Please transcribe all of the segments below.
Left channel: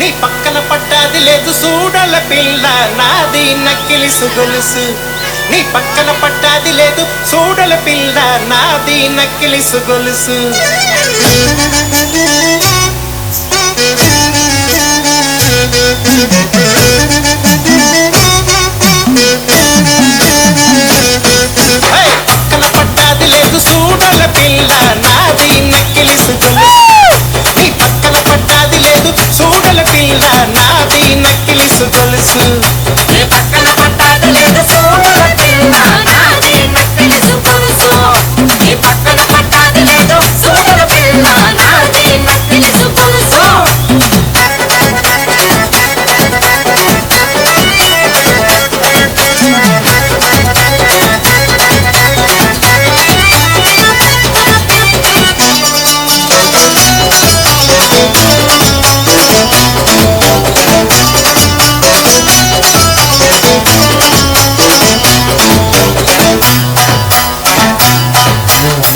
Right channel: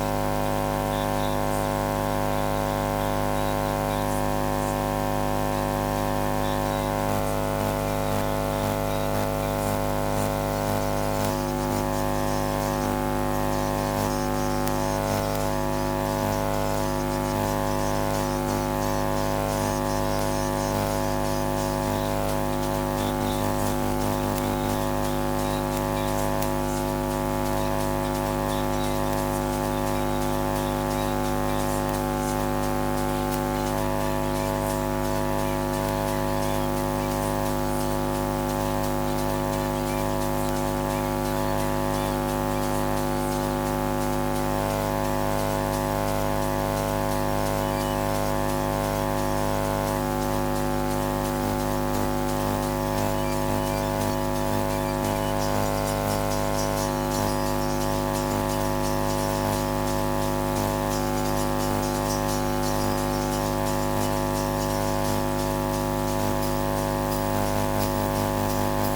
నీ పక్కన పట్టాది లేదు చూడల పిల్ల నాది నక్కిలిసు గొలుసు నీ పక్కన పట్టాది లేదు చూడల పిల్ల నాది నక్కిలిసు గొలుసు పక్కన పట్టాది లేదు చూడల పిల్ల నాది నక్కిలిసు గొలుసు నీ పక్కన పట్టాది లేదు చూడల పిల్ల నాది నక్కిలిసు గొలుసు నీ పక్కన పట్టాది లేదు చూడల పిల్ల నాది నక్కిలిసు గొలుసు నీ పక్కన పట్టాది లేదు చూడల పిల్ల నాది నక్కిలిసు గొలుసు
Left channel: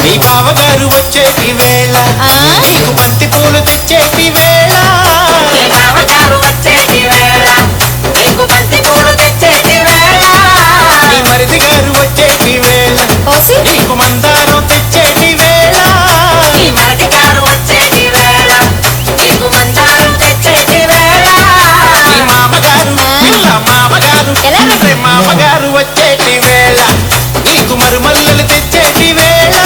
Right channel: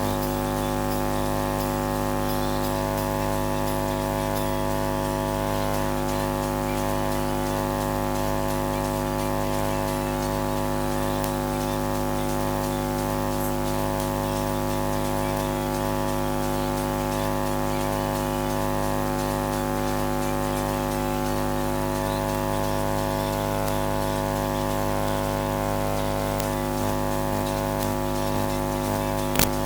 నీ బావగారు వచ్చేటి వేళ నీకు బంతి పూలు తెచ్చేటి వేళ నీ బావగారు వచ్చేటి వేళ నీకు బంతి పూలు తెచ్చేటి వేళ నీ మరిది గారు వచ్చేటి వేళ నీకు మందారం తెచ్చేటి వేళ నీ మరిది గారు వచ్చేటి వేళ నీకు మందారం తెచ్చేటి వేళ నీ మామగారు పిల్ల మామగారు మామగారు వచ్చేటి వేళ నీకు మరుమల్లలు తెచ్చేటి వేళ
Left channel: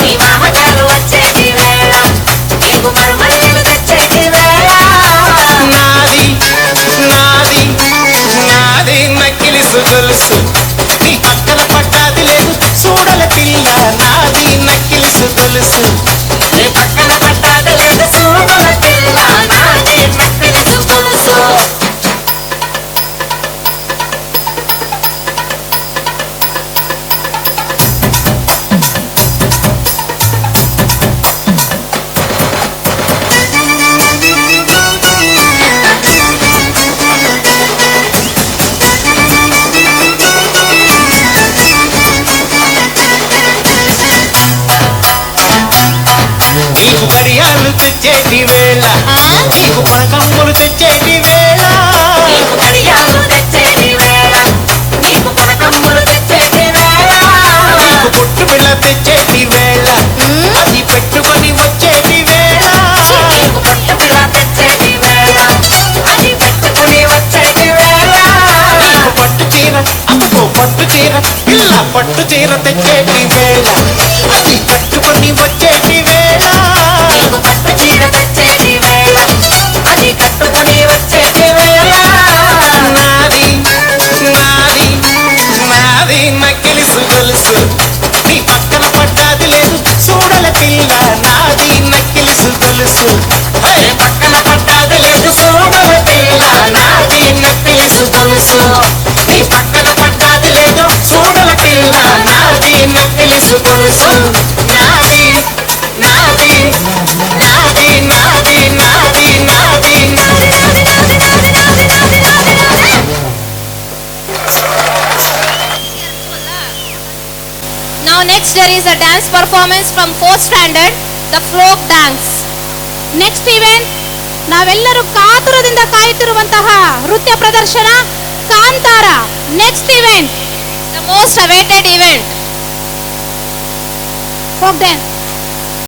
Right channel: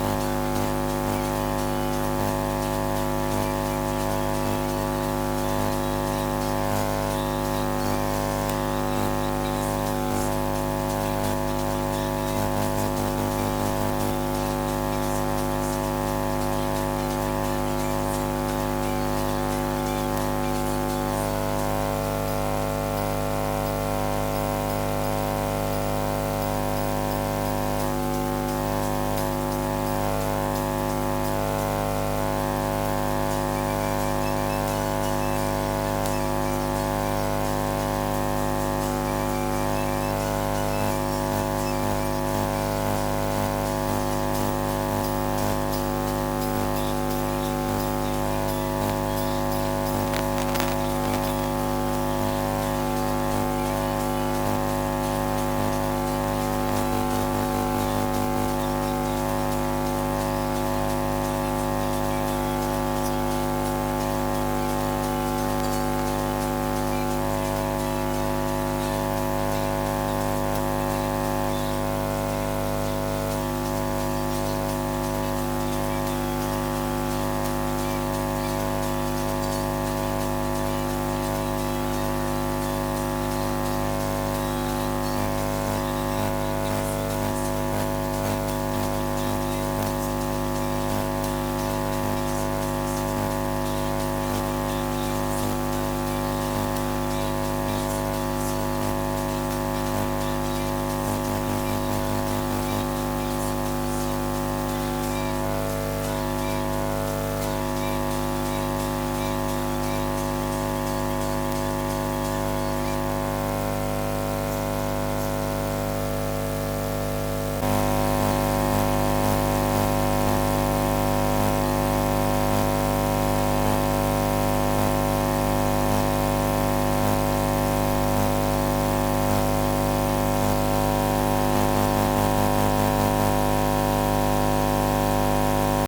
నీ మామగారు వచ్చేటి వేళ నీకు మరుమల్లలు తెచ్చేటి వేళ నాది నాది నాది నక్కిలిసు గొలుసు నీ పక్కన పట్టాది లేదు చూడల పిల్ల నాది నక్కిలిసు గొలుసు నీ పక్కన పట్టాది లేదు చూడల పిల్ల నాది నక్కిలిసు గొలుసు నీకు గడియాలు తెచ్చేటి వేళ నీకు పనకమ్ములు తెచ్చేటి వేళ నీకు గడియాలు తెచ్చేటి వేళ నీకు పనకమ్ములు తెచ్చేటి వేళ నీకు పొట్టు బిళ్ళ తెచ్చేటి వేళ అది పెట్టుకొని వచ్చేటి వేళ నీకు పొట్టు బిళ్ళ తెచ్చేటి వేళ అది పెట్టుకొని వచ్చేటి వేళ నీకు పట్టు చీర అమ్మకో పట్టు చీర పిల్ల పట్టు చీర తెచ్చేటి వేళ అది కట్టుకొని వచ్చేటి వేళ నీకు పట్టు చీర తెచ్చేటి వేళ అది కట్టుకొని వచ్చేటి వేళ నాది నాది నాది నక్కిలిసు గొలుసు నీ పక్కన పట్టాది లేదు చూడల పిల్ల నాది నక్కిలిసు గొలుసు పక్కన పట్టాది లేదు చూడల పిల్ల నాది నక్కిలిసు గొలుసు నీ పక్కన పట్టాది లేదు చూడల పిల్ల నాది నక్కిలిసు గొలుసు నాది నాది నాది నాది నాది నాది Now next there is a dance performance from 4th standard, the folk dance. Next event, ನಾವೆಲ್ಲರೂ ಕಾತುರದಿಂದ ಕಾಯುತ್ತಿರುವಂತಹ ನೃತ್ಯ ಪ್ರದರ್ಶನ Kantara. Next event, the most awaited event, folk dance.